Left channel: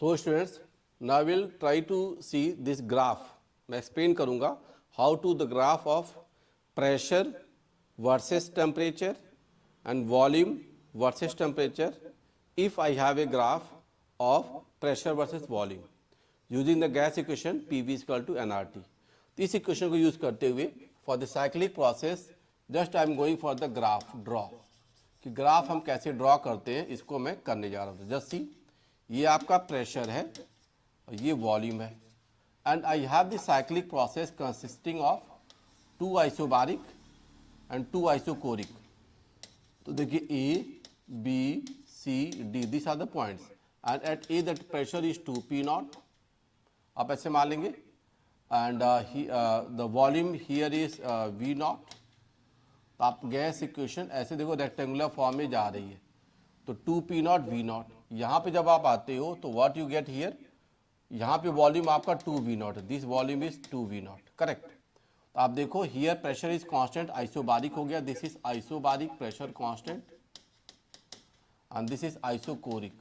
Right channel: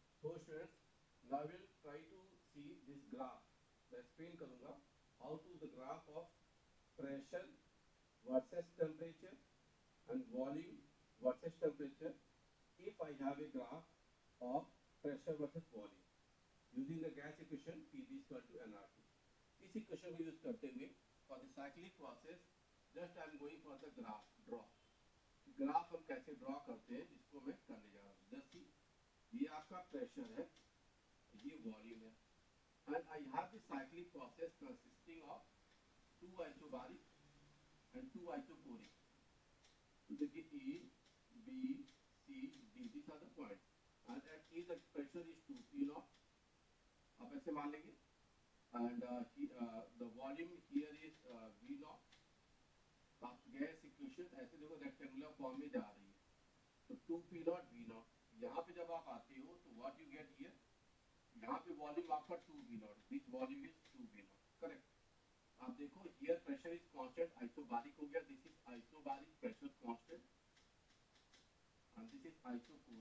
So students, now will try to see this graph. मैं explain करूंगा how to the graph of pressure versus temperature and volume versus temperature if I have a graph of pressure versus volume using the gas equation PV is equal to nRT. तो इस equation को use करते हुए for the cyclic process just I am going for the graph draw, कि graph हम कैसे draw करते हैं इसको मैं करने जा रहा हूँ. जस्ट सी, ये आपका प्रेशर है और ये वॉल्यूम है and I have the cyclic process consisting of two isobaric and two isochoric. तो देखिए A B C D this are the points and at A that pressure is 2p nought, आप ऐसे मान लेंगे, and the volume here is v nought. तो आप gas equation ऐसे देखो रेक्टेंगुलर फॉर्म में जा रही है, तो 2p नॉट v नॉट. यहाँ पे जब आप आते हो तो व्हाट यू गेट हियर, यहाँ पे वॉल्यूम आपका 2v not, this volume is 2v not, correct. आप देखो here pressure is constant, isobaric हो गया, this is isobaric pressure constant and this is isochoric.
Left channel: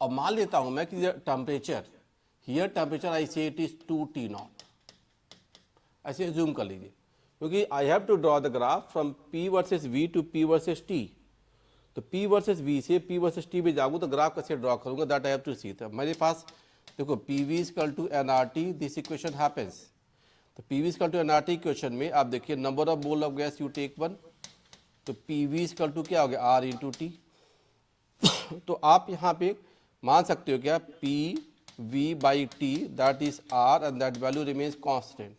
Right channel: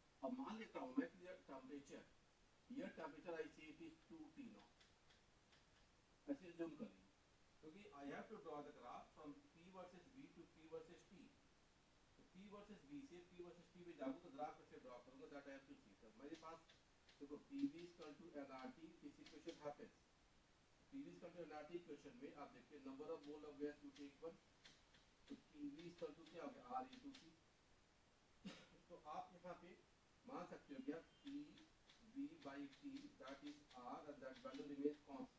अब मान लेता हूं मैं कि temperature here temperature I say it is 2t nought, ऐसे जूम कर लीजिए, क्योंकि I have to draw the graph from p versus v to p versus t. तो p वर्सेस v से p वर्सेस t पे जाऊँ तो ग्राफ कैसे ड्रॉ करूंगा, that I have to see. तो मेरे पास देखो PV is equal to nRT, this equation happens. तो PV is equal to nRT equation में आप देखिए number of mole of gas you take 1, तो PV इज इक्वल टू क्या हो गया R इंटू टी. तो आप यहाँ पे मान सकते हो क्या PV by T that is R and that value remains constant.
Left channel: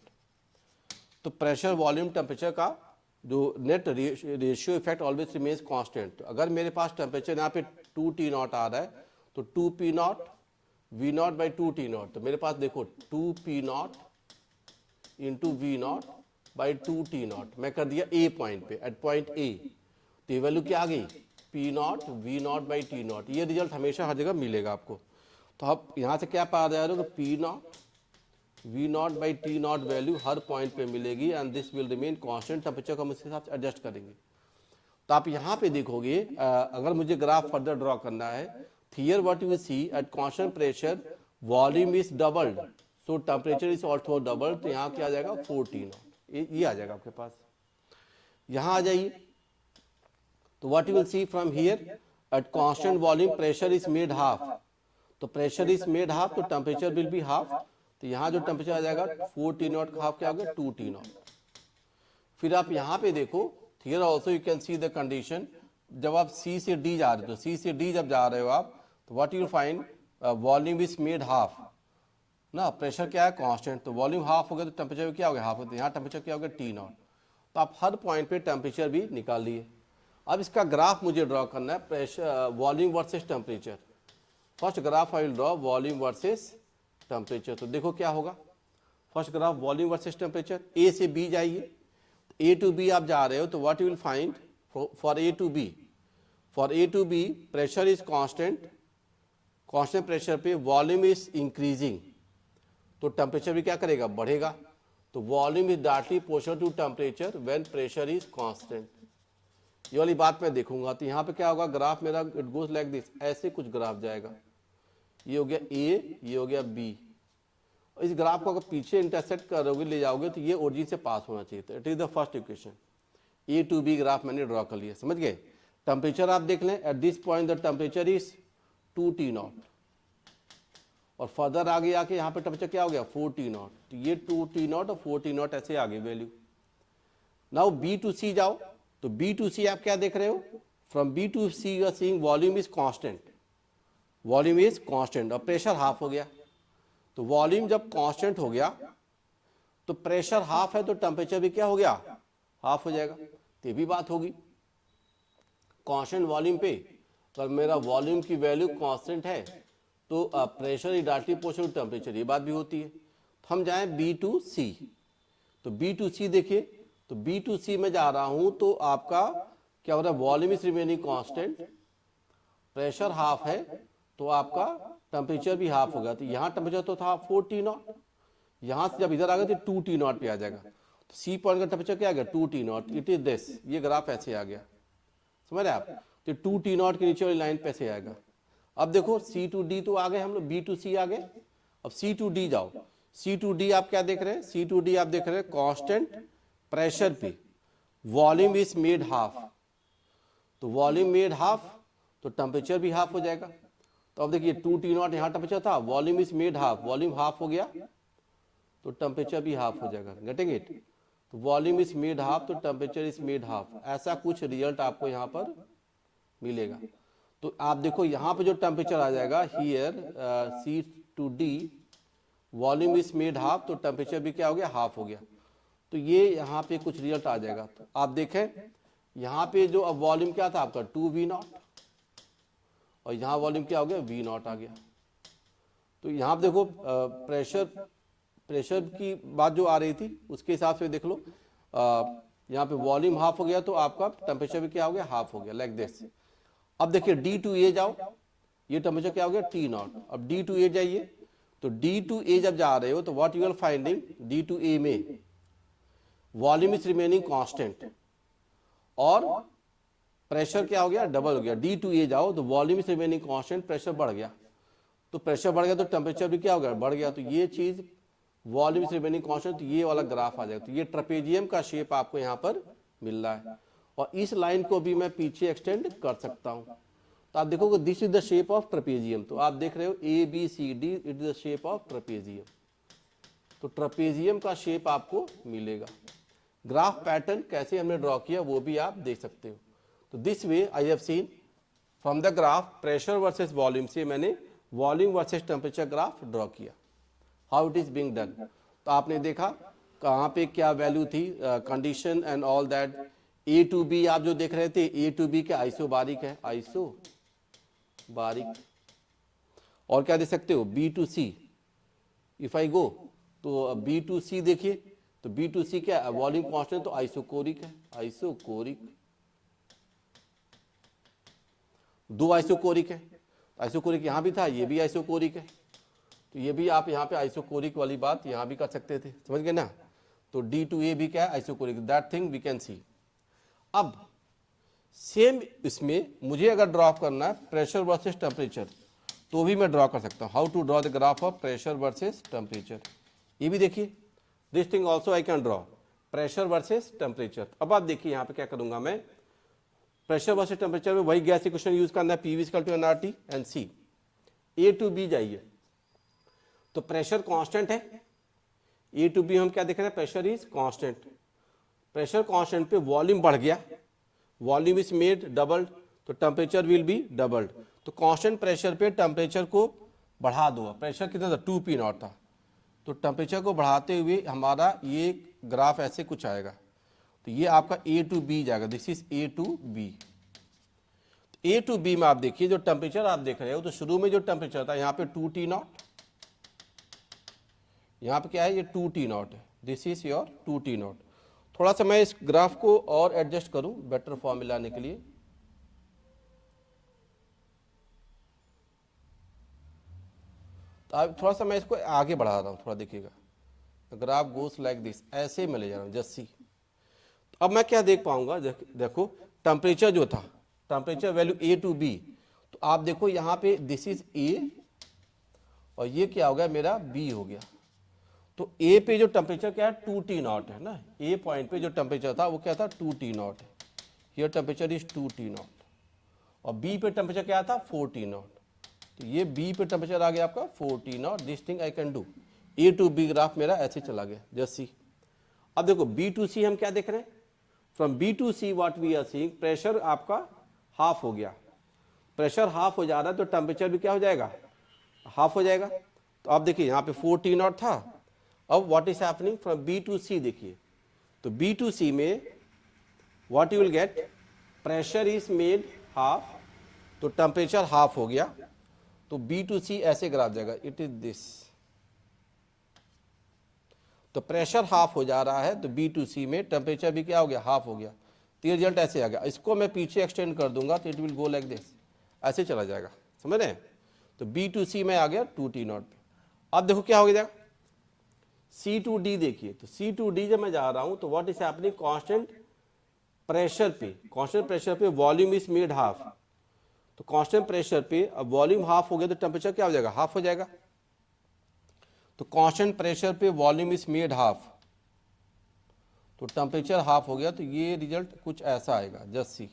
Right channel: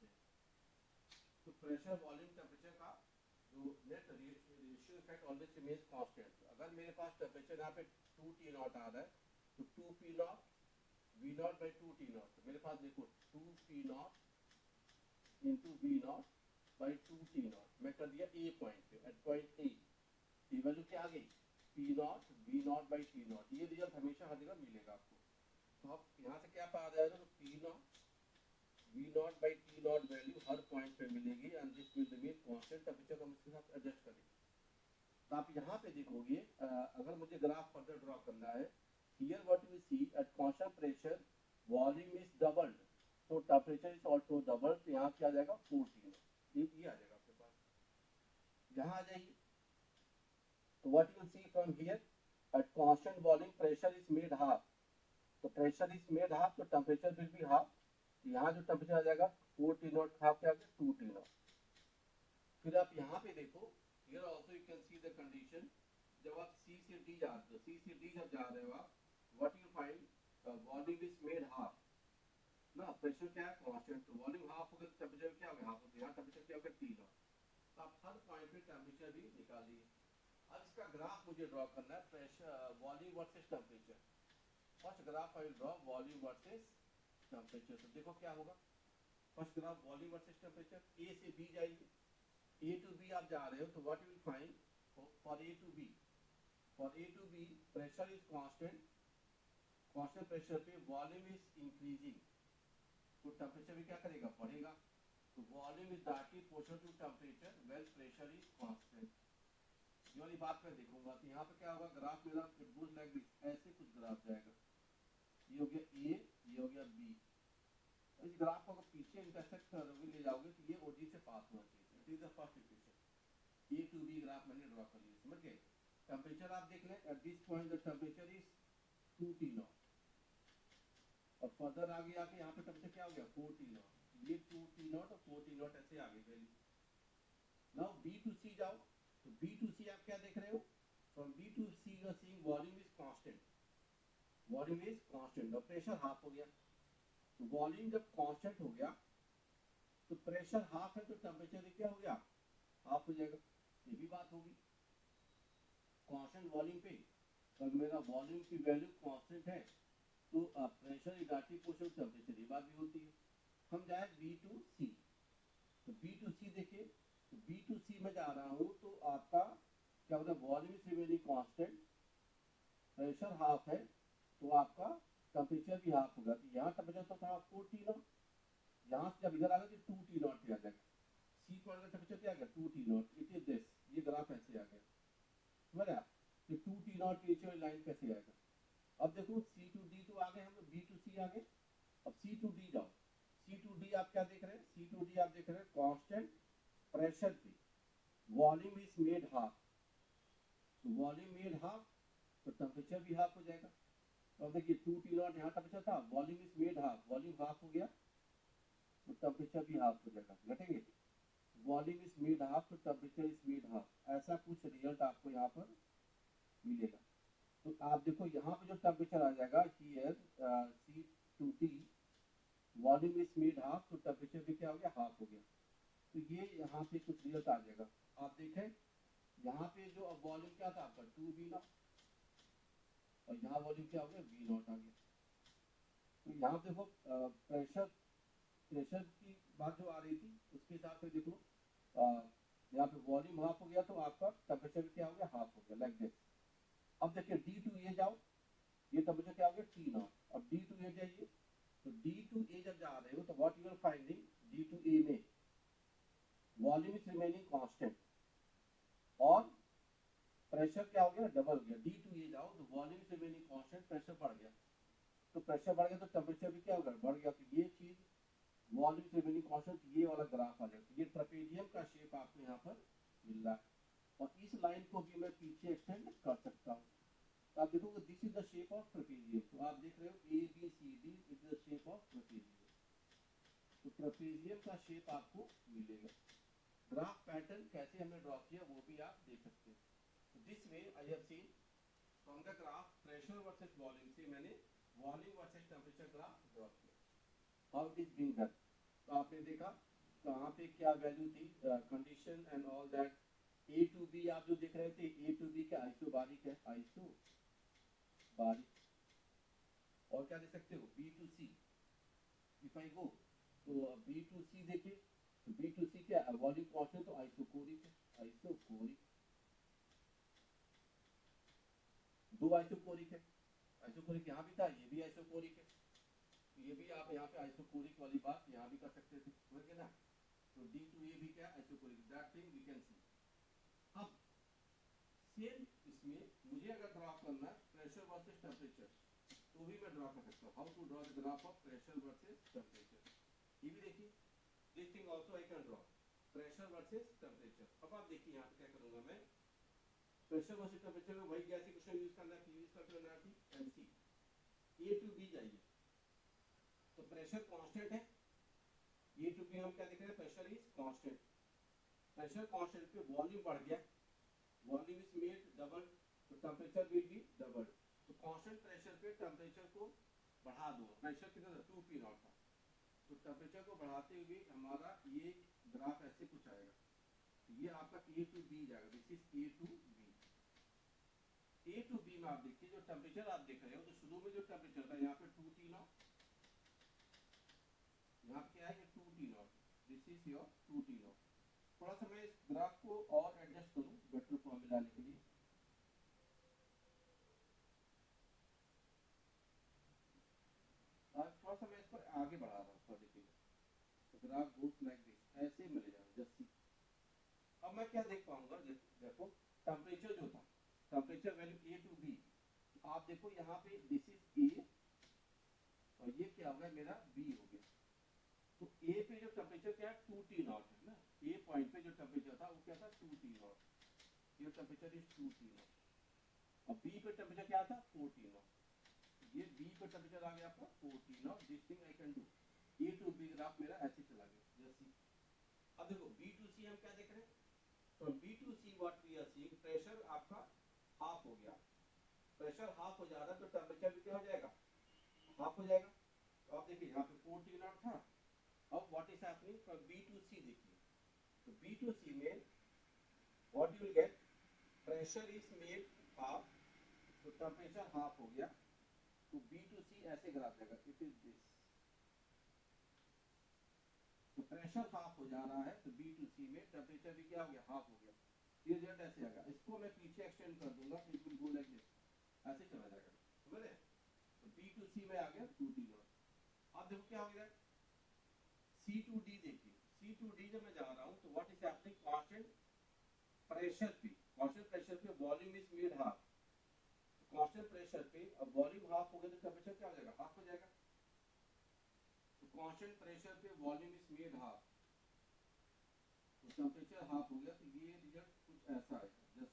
तो प्रेशर वॉल्यूम टेम्परेचर का जो net ratio effect always remains constant. अगर मेरे पास टेम्परेचर यहाँ पे 2t नॉट आ रहा है तो 2p not v not by 2t not, तो मेरे पास देखो 2p not into v not by 2t not. मैं कर दिया a पॉइंट पे, एट पॉइंट a, तो ये वैल्यू क्या आ गई p not v not by t not. ये रिजल्ट हमेशा हर जगह मिलेगा आपको. तो आप यहाँ से क्या पा जा रहे हो कि p not v not by t not value her point पे मिलेगी and this will remain constant. Temperature को हम इसके हिसाब से एडजस्ट करेंगे. तो आप यहाँ पे देखोगे अगर मुझे ग्राफ फर्दर ड्रॉ करना है, here what you will see at constant pressure volume is doubled, so temperature is also doubled. तो यहाँ क्या आ जाएगा 14, ये आ जाएगा आपके पास. यहाँ आ जाइए, तो what you will see from here at constant volume pressure is made half. तो pressure is made half, तो temperature will be half. तो यहाँ जो टेम्परेचर आ जाएगा 4t नॉट का हाफ क्या हो गया 2t नॉट. फिर आप यहाँ पे देखो here also you can see the condition. जब आप C से D जा रहे हो, तो C से D जब जा रहे हो आप, तो what you find volume is made half ना, प्रेशर क्या है कांस्टेंट, तो वॉल्यूम हाफ हो गया तो टेम्परेचर क्या हो गया हाफ. यहाँ टेम्परेचर क्या हो गया T नॉट. तो आप हर पॉइंट पे टेम्परेचर भी निकाल लिए. अब इसका ग्राफ मुझे ड्रॉ करना है pressure volume versus temperature. First graph I will draw volume versus temperature. तो देखो क्या होगा, first graph volume versus temperature. A से बी जाइए, ए टू बी आप जा रहे हो, तो what you will find for A to B, for A to B pressure is constant, constant pressure पे वॉल्यूम इज इंक्रीजिंग, तो टेम्परेचर भी क्या करेगा बढ़ेगा. तो volume is directly proportional to temperature when pressure is constant. ये वाली बात मैं देखूंगा. तो यहाँ पे क्या होगा, ग्राफ मेरा इट गोज लाइक दिस, ऐसे कुछ ग्राफ जाएगा. ये हो गया ए, ये हो गया बी. इस ग्राफ को अगर पीछे इंटरसेक्ट करोगे ले जाओगे तो ये ओरिजिन से पास होना चाहिए. तो it is the first equation. A to B graph मैंने ड्रॉ कर लिया, समझ गए. टेम्परेचर आप देख लें, at this point the temperature is 2t nought, और फर्दर आगे आके यहाँ पे टेम्परेचर क्या हो गया 4t नॉट. तो ये 2t नॉट और 4t नॉट ऐसे आगे वैल्यू. नाउ बी टू सी जाओ, तो बी टू सी आप क्या देख रहे हो, from B to C you are seeing volume is constant, volume is constant और प्रेशर हाफ हो गया. तो वॉल्यूम जब कांस्टेंट हो गया तो प्रेशर हाफ है, तो टेम्परेचर भी क्या हो गया हाफ हो जाएगा. तो ये भी बात होगी कांस्टेंट वॉल्यूम पे, तो मेरा वॉल्यूम की वैल्यू कांस्टेंट है तो pressure is directly proportional to temperature, ये बात भी होती है. तो हम जाएं बी टू सी, तो बी टू सी देखिए, तो बी टू सी में जा रहा हूं तो आपका क्या हो रहा है, volume is remaining constant, pressure half है, तो आपका टेम्परेचर भी हाफ होगा. तो यहाँ टेम्परेचर तो था 4t नॉट, यहाँ से जब इधर आ गया तो 2t नॉट पे आ जाएगा. तो सी पॉइंट का टेम्परेचर क्या आ गया 2t not. It is this, ये ग्राफ ऐसे आ गया, समझ रहे आप. तो 2t नॉट के नीचे वाली लाइन पे ऐसे आएगा. अब देखो C to D तो आ गए हम लोग, B to C आ गए, अब C to D जाओ, C to D आप क्या देख रहे हैं, C to D आप देख रहे हैं कांस्टेंट प्रेशर पे वॉल्यूम इज मेड हाफ, तो वॉल्यूम मेड हाफ तो टेम्परेचर भी हाफ हो जाएगा। तो अब देखिए 2T0 यहाँ टेम्परेचर था, volume is made half, volume half हो गया तो टेम्परेचर भी हाफ हो जाएगा, गेटिंग इट। तो वॉल्यूम इज मेड हाफ तो टेम्परेचर इज मेड हाफ, ऐसा कुछ रिजल्ट आपको यहाँ पर मिलेगा। तो आप देखो यहाँ पे जो टेम्परेचर आ जाएगा here C to D volume is made half तो टेम्परेचर भी क्या हो गया, हाफ हो गया। तो ये यहाँ पे कुछ रिजल्ट आ जाएगा। तो आप देखें यहाँ पे जो अब वॉल्यूम क्या था आपका 2V0 और यहाँ वॉल्यूम क्या हो गया V0 आ गया। तो यहाँ पे देखो प्रेशर की बात जो आ रही थी उसके हिसाब से देख लो, यहाँ पे वॉल्यूम हाफ हो गया तो आपका टेम्परेचर भी क्या हो गया, हाफ हो गया, लाइक दिस। अब देखिए D to A जाओ, ये टेम्परेचर क्या हो गया T0। अब D to A जाइए, तो D to A जब जा रहे हो तो what you are finding, D to A में वॉल्यूम इज रिमेनिंग कांस्टेंट और प्रेशर क्या हो गया, डबल हो गया। D to A जाओ तो volume is remaining constant, pressure बढ़ गया, तो प्रेशर बढ़ गया तो टेम्परेचर भी क्या हो गया, बढ़ गया। तो ये चीज वॉल्यूम इज रिमेनिंग कांस्टेंट, तो ये वाला ग्राफ आ जाएगा। तो ये ट्रेपेजियम का शेप आपको यहाँ पर मिल रहा है और इस लाइन को भी मैं पीछे एक्सटेंड कर सकता हूँ। तो आप देखोगे this is the shape of trapezium. तो आप देख रहे हो ABCD, it is the shape of trapezium. तो ट्रेपेजियम का शेप आपको मिलेगा। ग्राफ पैटर्न कैसे हमने ड्रॉ किया वो भी आप देख सकते हो। तो this way I have seen from the graph pressure versus volume से मैंने volume versus temperature graph draw किया, how it is being done. तो आपने देखा कहाँ पे क्या वैल्यू थी, condition and all that. A to B आप जो देख रहे थे, A to B क्या आइसोबारिक है, आइसोबारिक। और क्या देख सकते हो B to C, if I go तो B to C देखिए, तो B to C क्या वॉल्यूम कांस्टेंट तो आइसोकोरिक है, आइसोकोरिक। दो आइसोकोरिक है, आइसोकोरिक यहाँ भी था, ये भी आइसोकोरिक है। तो ये भी आप यहाँ पे आइसोकोरिक वाली बात यहाँ भी कर सकते थे, समझ गए ना। तो D to A भी क्या है isochoric, that thing we can see. अब सेम इसमें मुझे अगर ड्रॉ करना है प्रेशर वर्सेस टेम्परेचर तो भी मैं ड्रॉ कर सकता हूँ। How to draw the graph of pressure versus temperature, ये भी देखिए this thing also I can draw pressure versus temperature. अब आप देखिए यहाँ पे क्या करूंगा मैं, प्रेशर वर्सेस टेम्परेचर में वही गैस इक्वेशन यूज करना है, PV = nRT and C। A to B जाइए तो प्रेशर कांस्टेंट है, A to B हम क्या देख रहे हैं, pressure is constant. Pressure constant पे वॉल्यूम बढ़ गया, वॉल्यूम इज मेड डबल्ड तो टेम्परेचर विल बी डबल्ड। तो कांस्टेंट प्रेशर पे टेम्परेचर को बढ़ा दो, प्रेशर कितना था 2P0 था, तो टेम्परेचर को बढ़ाते हुए हमारा ये ग्राफ ऐसे कुछ आएगा। तो ये आपका A to B जाएगा, this is A to B। A to B में आप देखिए जो टेम्परेचर आप देख रहे हो, तो शुरू में जो टेम्परेचर था यहाँ पे 2T0, यहाँ पे क्या है ये 2T0 है, दिस इज योर 2T0। थोड़ा सा मैं इस ग्राफ को और एडजस्ट करूं बेटर फॉर्म में लाने के लिए। तो अब थोड़ा सा मैं इसको आगे बढ़ा रहा हूं, थोड़ा देखिएगा, ग्राफ गोस लाइक दिस, ऐसे मैं ले जा रहा हूं जस्सी। अब मैं क्या देख पाऊंगा, देखो टेम्परेचर जो था, temperature value A to B, तो आप देखो यहाँ पे दिस इज A और ये क्या हो गया मेरा B हो गया। तो A पे जो टेम्परेचर क्या है 2T0 है ना, A पॉइंट पे जो टेम्परेचर था वो क्या था 2T0, here temperature is 2T0 और B पे टेम्परेचर क्या था 4T0। तो ये B पे टेम्परेचर आ गया आपका 4T0, this thing I can do. A to B graph मेरा ऐसे चला गया, जस्ट सी। अब देखो B to C हम क्या देख रहे हैं, from B to C what we are seeing, pressure आपका हाफ हो गया, प्रेशर हाफ हो जा रहा है तो टेम्परेचर भी क्या हो जाएगा, हाफ हो जाएगा। तो आप देखिए यहाँ पे 4T0 था, अब what is happening from B to C देखिए, तो B to C में what you will get, pressure is made half तो टेम्परेचर हाफ हो गया, तो B to C ऐसे ग्राफ जाएगा, इट इज दिस। तो प्रेशर हाफ हो जा रहा है तो B to C में टेम्परेचर भी क्या हो गया, हाफ हो गया। तो ये रिजल्ट ऐसे आ गया। इसको मैं पीछे एक्सटेंड कर दूंगा तो it will go like this, ऐसे चला जाएगा, समझ रहे हैं। तो B to C में आ गया 2T0। अब देखो क्या हो गया, C to D देखिए, तो C to D जब मैं जा रहा हूं तो what is happening, constant pressure पे, कांस्टेंट प्रेशर पे वॉल्यूम इज मेड हाफ, तो कांस्टेंट प्रेशर पे अब वॉल्यूम हाफ हो गया तो टेम्परेचर क्या हो जाएगा, हाफ हो जाएगा। तो कांस्टेंट प्रेशर पे वॉल्यूम इज मेड हाफ, तो टेम्परेचर हाफ हो गया, तो ये रिजल्ट कुछ ऐसा आएगा, जस्ट सी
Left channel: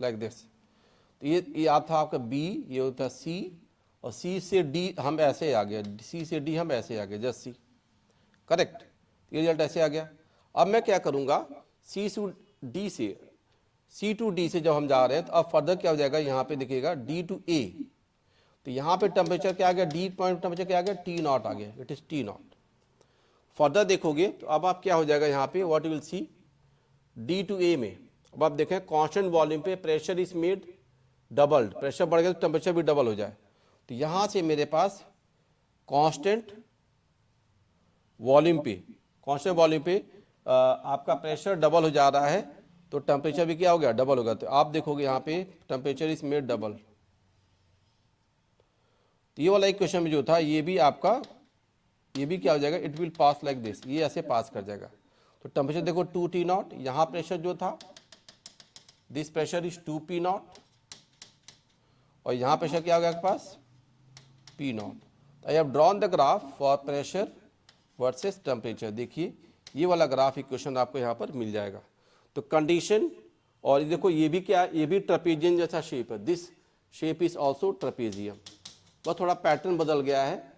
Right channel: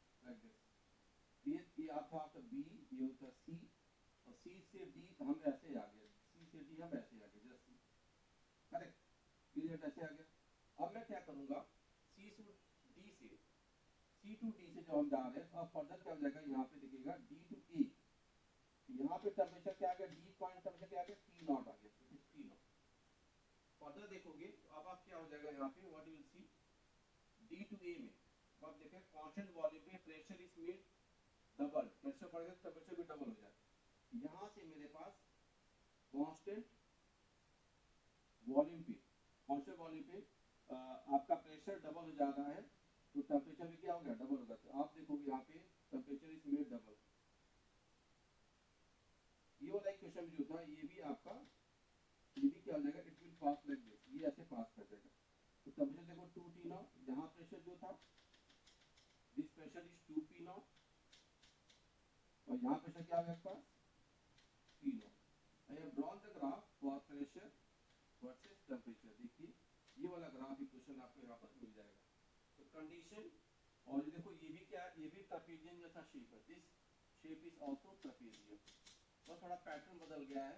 लाइक दिस। तो ये आता था आपका बी, ये होता है सी, और सी से डी हम ऐसे आ गया, सी से डी हम ऐसे आ गए, जस्ट सी, करेक्ट। ये रिजल्ट ऐसे आ गया। अब मैं क्या करूंगा, सी टू डी से, सी टू डी से जब हम जा रहे हैं तो अब फर्दर क्या हो जाएगा, यहाँ पे देखिएगा डी टू ए, तो यहाँ पे टेम्परेचर क्या आ गया, डी पॉइंट टेम्परेचर क्या आ गया, टी नॉट आ गया, it is T naught. Further देखोगे तो अब आप क्या हो जाएगा यहाँ पे, what you will see, D to A में अब आप देखें कांस्टेंट वॉल्यूम पे pressure is made doubled, pressure बढ़ गया तो टेम्परेचर भी डबल हो जाए। तो यहाँ से मेरे पास कांस्टेंट वॉल्यूम पे, कांस्टेंट वॉल्यूम पे आपका प्रेशर डबल हो जा रहा है, तो टेम्परेचर भी क्या हो गया, डबल होगा। तो आप देखोगे यहाँ पे टेम्परेचर इज मेड डबल। तो ये वाला इक्वेशन में जो था ये भी आपका, ये भी क्या हो जाएगा, it will pass like this, ये ऐसे पास कर जाएगा। तो टेम्परेचर देखो 2T नॉट, यहाँ प्रेशर जो था this pressure is 2P not, और यहाँ प्रेशर क्या हो गया आपके पास, P not. I have drawn the graph for pressure versus temperature. देखिए ये वाला ग्राफ इक्वेशन आपको यहाँ पर मिल जाएगा। तो कंडीशन, और देखो ये भी क्या, ये भी ट्रेपेजियम जैसा शेप है, this shape is also trapezium, बस थोड़ा पैटर्न बदल गया है।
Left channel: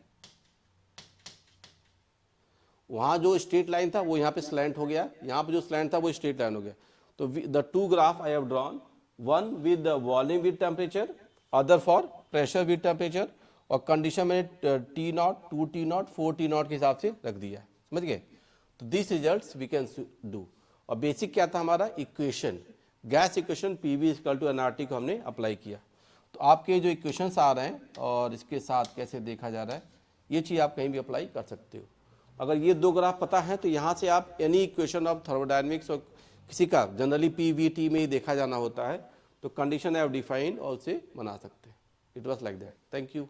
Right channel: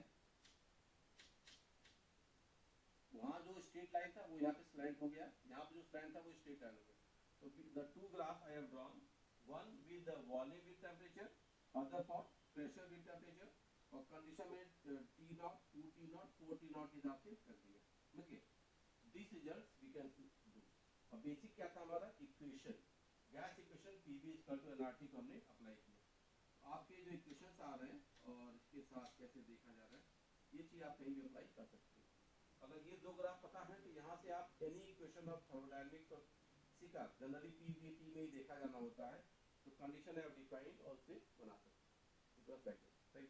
वहां जो स्ट्रेट लाइन था वो यहाँ पे स्लैंट हो गया, यहाँ पे जो स्लैंट था वो स्ट्रेट लाइन हो गया। तो the two graph I have drawn, one with the volume with temperature, other for pressure with temperature, और कंडीशन में T nought, 2T nought, 4T nought के हिसाब से रख दिया, समझ गए। तो this results we can do. और बेसिक क्या था हमारा equation, gas equation PV equal to nRT को हमने अप्लाई किया। तो आपके जो इक्वेशंस आ रहे हैं और इसके साथ कैसे देखा जा रहा है, ये चीज़ आप कहीं भी अप्लाई कर सकते हो। अगर ये दो ग्राफ पता है तो यहाँ से आप एनी इक्वेशन ऑफ थर्मोडायनेमिक्स और किसी का जनरली PVT में ही देखा जाना होता है, तो कंडीशन है डिफाइन और उसे बना सकते हैं। It was like that. Thank you.